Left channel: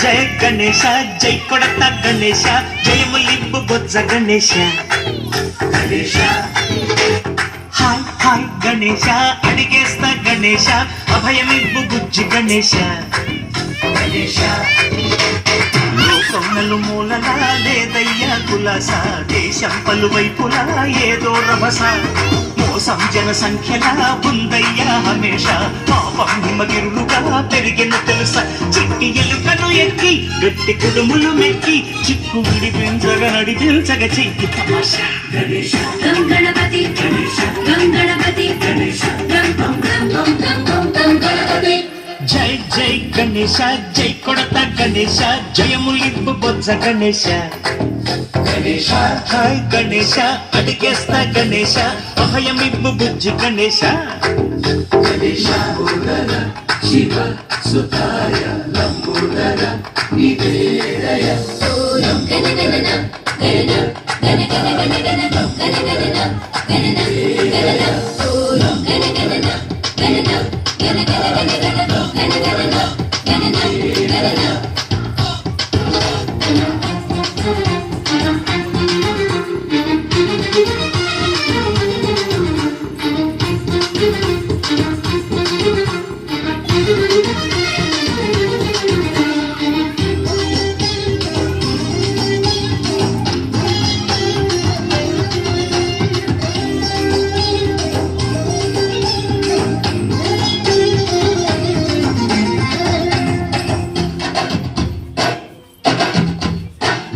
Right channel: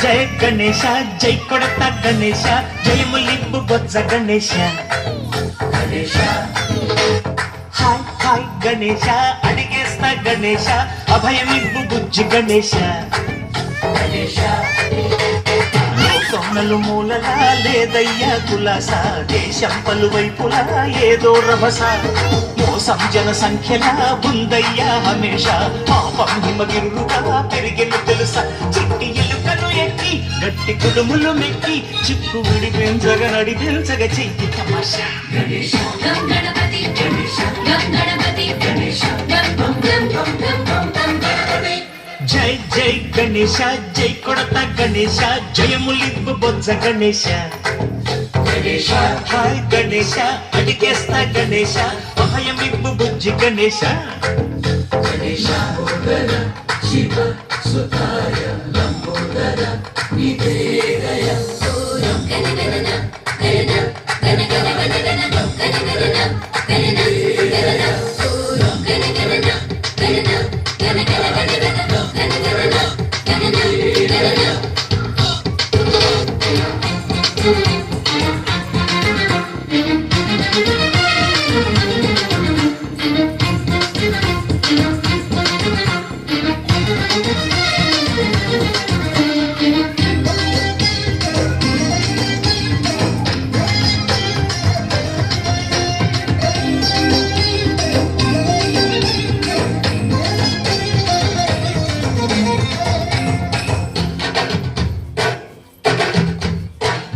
జై గణేశ జై కొడత గణేశ జయములింపు బొజ్జ Ganesha Ganesha hi hi Ganesha అడిగేస్తా Ganesha అభయమివ్వు బుజ్జి గణేశ గణేశ లోకములు మూలలా లేదయ్యా కులాస దేశం పలువైపులా ఏదో రభస మోసం జన సంఖ్యలా ఉందయ్యా హమేష పాపం హిమగిరుడుగా పెరిగెను తెలుసా చిట్టి ఎలుకను ఎక్కి గట్టి కుడుములు మెక్కి చిక్కు విడిపించగ నడిపించగ చెయ్యి తమాష గణేశ గణపతి గణపతి గణపతి జై జై గణేశ జై కొడత గణేశ జయములింపు బొజ్జ గణేశ గణేశ హాయ్ గణేశ అడిగేస్తా గణేశ అభయమివ్వు బుజ్జి గణేశ గణేశ ఉదర శివ సుతాయ లంబోదర నివేదయ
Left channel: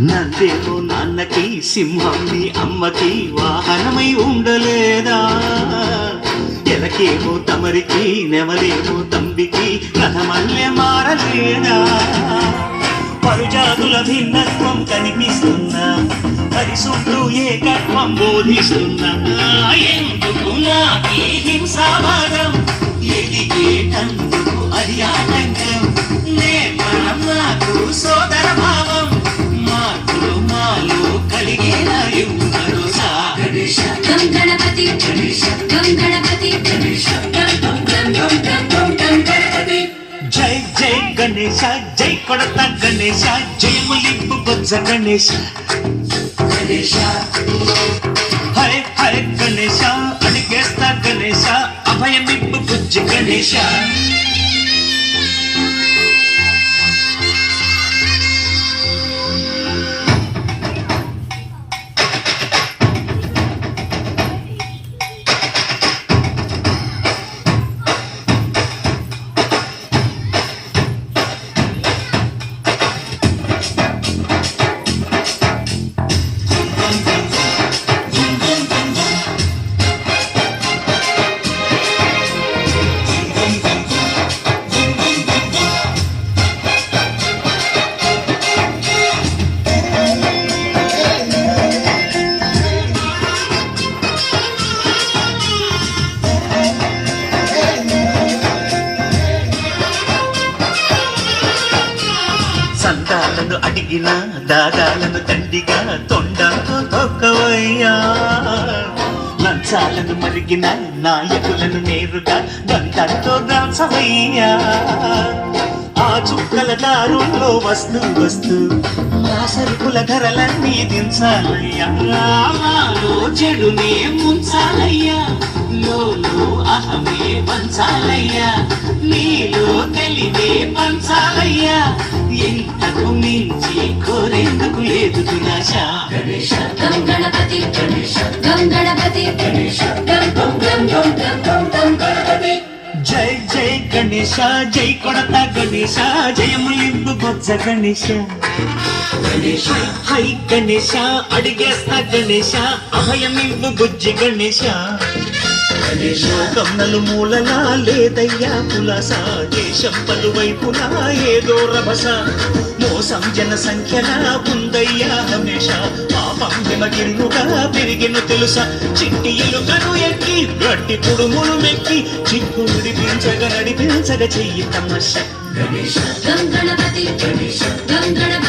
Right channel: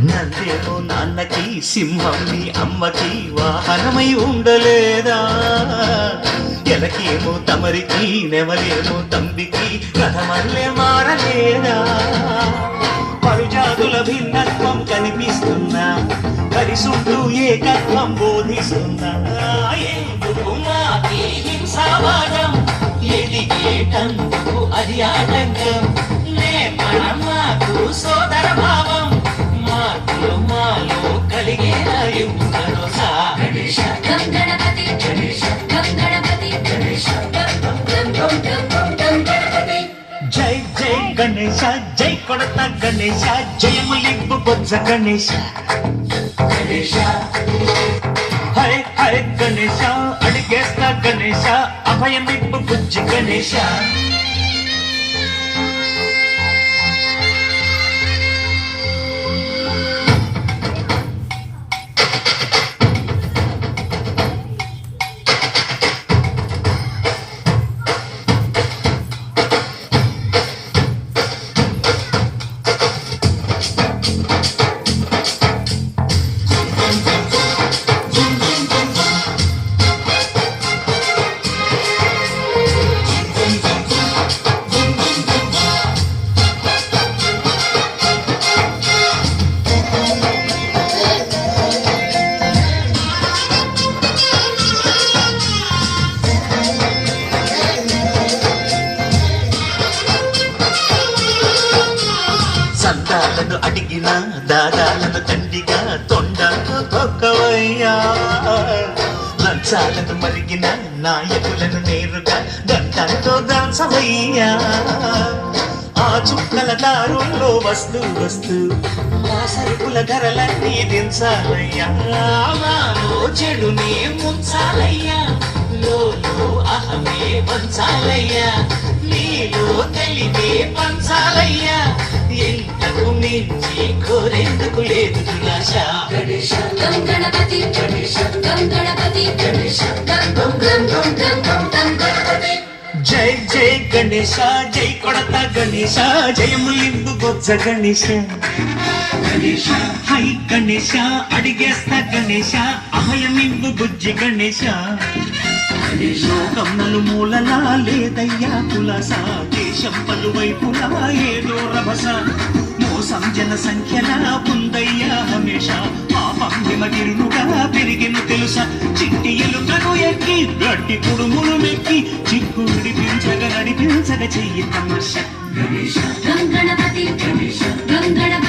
నందేమో నాన్నకి సింహం నీ అమ్మకి వాహనమై ఉండలేదా ఎలకేమో తమరికి నెమలేమో తంబికి రథమల్లే మారలేదా పరుజాతుల భిన్నత్వం కనిపిస్తున్నా పరిశుద్ధు ఏకత్వం బోధిస్తున్నా ఎందుకు మాకే హింసావాదం ఎదిగేటందుకు అది ఆటంకం నేర్పడం నాకు సోదర భావం మార్పులు మాలో కలిగేలా భరోసా గణపతి గణపతి జై జై గణేశ జై కొడత గణేశ జయములింపు బొజ్జ గణేశ గణేశ హరే హరే గణేశ అడిగేస్తా గణేశ అభయమిప్పు బుజ్జి గణేశ అడిగిన దాదాలను తండ్రిగా తొండకు తొక్కవయ్యా లంచాలను మరిగిన నాయకులను నేరుగా దంతంతో దాచవయ్యా ఆ చుక్కల దారుల్లో వస్తూ వస్తూ మా సరుకుల ధరలన్నీ దించాలయ్యా మాలో చెడునే ముంచాలయ్యా లోలో అహమే పంచాలయ్యా నీలో తెలివే పంచాలయ్యా ఎంతకు మించి కోరేందుకు లేదు దురాశ గణేశ గణపతి గణపతి జై జై గణేశ జై కొడత గణేశ జయములింపు బొజ్జ గణేశ గణేశ హై గణేశ అడిగేస్తా గణేశ అభయమివ్వు బుజ్జి గణేశ లోకం నలుమూలలా లేదయ్యా పులస దేశం పలువైపులా ఏదో రభస మోసం జన సంఖ్యలా ఉందయ్యా హమేష పంగిమగిరులుగా పెరిగిన తెలుసా చిట్టి ఎలుకను ఎక్కి గట్టి కుడుములు మెక్కి చిక్కు విడిపించగ నడిపించగ చెయ్యి తమాష గణేశ గం గణపతి గణేశ గం గణపతి